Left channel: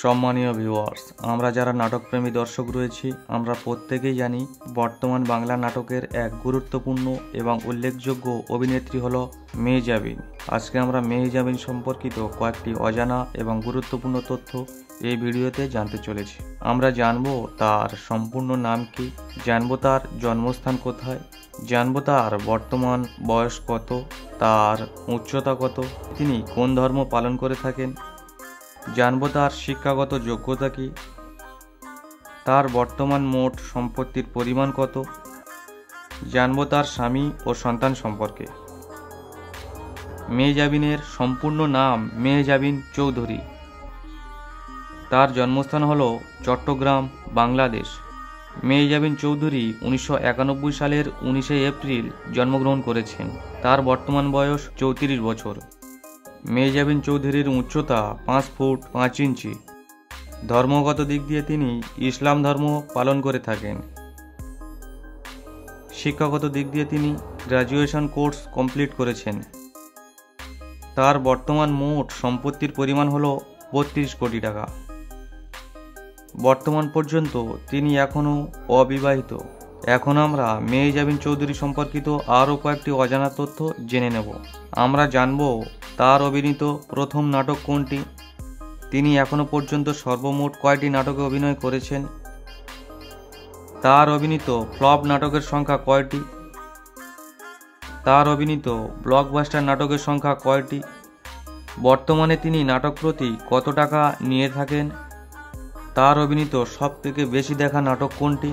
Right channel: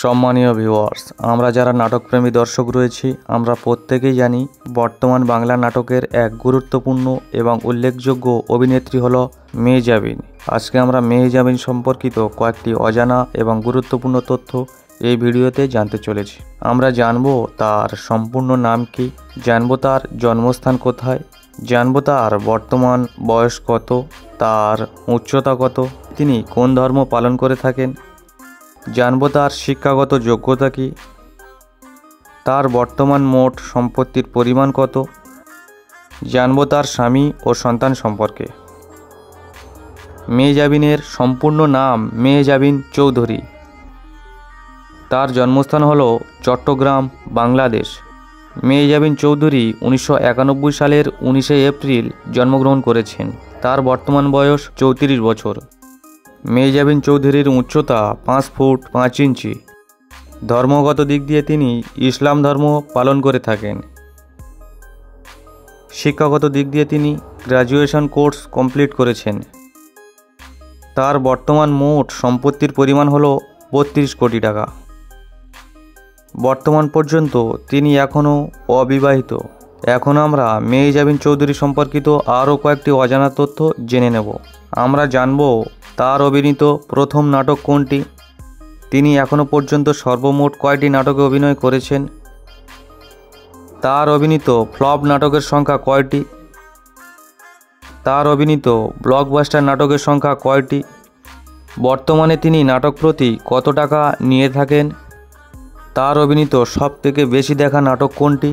সম্মানীয় ভিউয়ার্স, আমরা যারা নাটকপ্রেমী দর্শক রয়েছি, আমরা প্রত্যেকেই জানি বর্তমান বাংলা নাটকের এক গুরুত্বপূর্ণ এবং উল্লেখযোগ্য অভিনেত্রী হলো মেহজাবিন। আজকে আমরা মেহজাবিন সম্পর্কিত কয়েকটি অজানা এবং গুরুত্বপূর্ণ তথ্য এই ভিডিওতে জানতে চলেছি। আমরা জানব তার সম্পূর্ণ নাম কি, জানব তার জন্মস্থান কোথায়, জানব তার বর্তমান বয়স কত, তার উচ্চতা কত, তিনি কোন ধর্ম পালন করে থাকেন, জানব তার শিক্ষাগত যোগ্যতা কী, তার বর্তমান মোট সম্পত্তির পরিমাণ কত, জানব তার স্বামী ও সন্তান সম্পর্কে। মেহজাবিনের সম্পূর্ণ নাম মেহজাবিন চৌধুরী। তার জন্মস্থান হল চট্টগ্রাম, বাংলাদেশ। মেহজাবিন চৌধুরী 1991 সালের 19শে এপ্রিল জন্মগ্রহণ করেছেন। তার বর্তমান বয়স 34 বছর। মেহজাবিন চৌধুরীর উচ্চতা 5 ফুট 5 ইঞ্চি। ধর্মগত দিক দিয়ে তিনি ইসলাম ধর্ম পালন করে থাকেন। শিক্ষাগত দিক দিয়ে তিনি গ্র্যাজুয়েশন কোর্স কমপ্লিট করেছেন। তার বর্তমান মোট সম্পত্তির পরিমাণ হল 32 কোটি টাকা। বর্তমান পর্যন্ত তিনি এখনও অবিবাহিত। এখন আমরা মেহজাবিন চৌধুরী সম্পর্কিত আরও কয়েকটি অজানা তথ্য জেনে নেব। আমরা জানব তার অভিনীত প্রথম নাটক কোনটি, তিনি এখনও পর্যন্ত সর্বমোট কয়টি নাটকে অভিনয় করেছেন, তার অভিনীত ফ্লপ নাটকের সংখ্যা কয়টি, তার অভিনীত ব্লকবাস্টার নাটকের সংখ্যা কয়টি, বর্তমানে তিনি নাটক প্রতি কত টাকা নিয়ে থাকেন, তার অভিনীত সবথেকে বেশি দেখা নাটক কোনটি,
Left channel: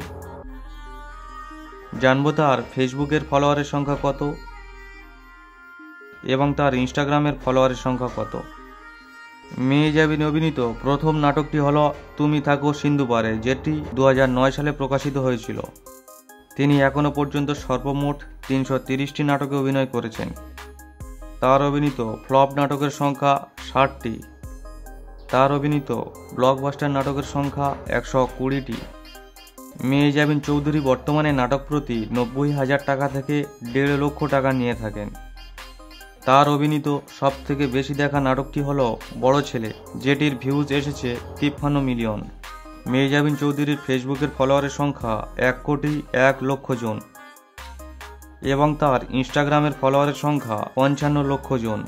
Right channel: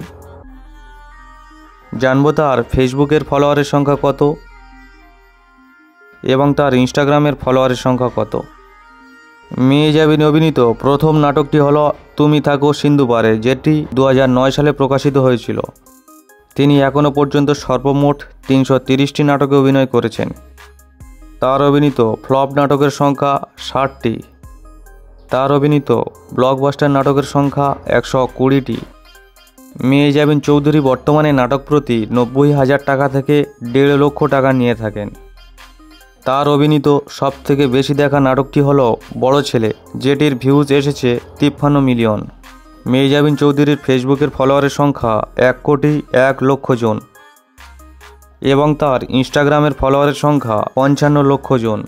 জানব তার ফেসবুকের ফলোয়ারের সংখ্যা কত এবং তার ইনস্টাগ্রামের ফলোয়ারের সংখ্যা কত। মেহজাবিন অভিনীত প্রথম নাটকটি হলো তুমি থাকো সিন্ধুপারে, যেটি 2009 সালে প্রকাশিত হয়েছিল। তিনি এখনও পর্যন্ত সর্বমোট 330টি নাটকে অভিনয় করেছেন। তার অভিনীত ফ্লপ নাটকের সংখ্যা 60টি। তার অভিনীত ব্লকবাস্টার নাটকের সংখ্যা 120টি। মেহজাবিন চৌধুরী বর্তমানে নাটক প্রতি 90,000 টাকা থেকে 1.5 লক্ষ টাকা নিয়ে থাকেন। তার অভিনীত সবথেকে বেশি দেখা নাটকটি হল বড় ছেলে, যেটির ভিউজ এসেছে 53 মিলিয়ন। মেহজাবিন চৌধুরীর ফেসবুকের ফলোয়ারের সংখ্যা 1,01,00,000 জন এবং তার ইনস্টাগ্রামের ফলোয়ারের সংখ্যা 55 লক্ষ জন।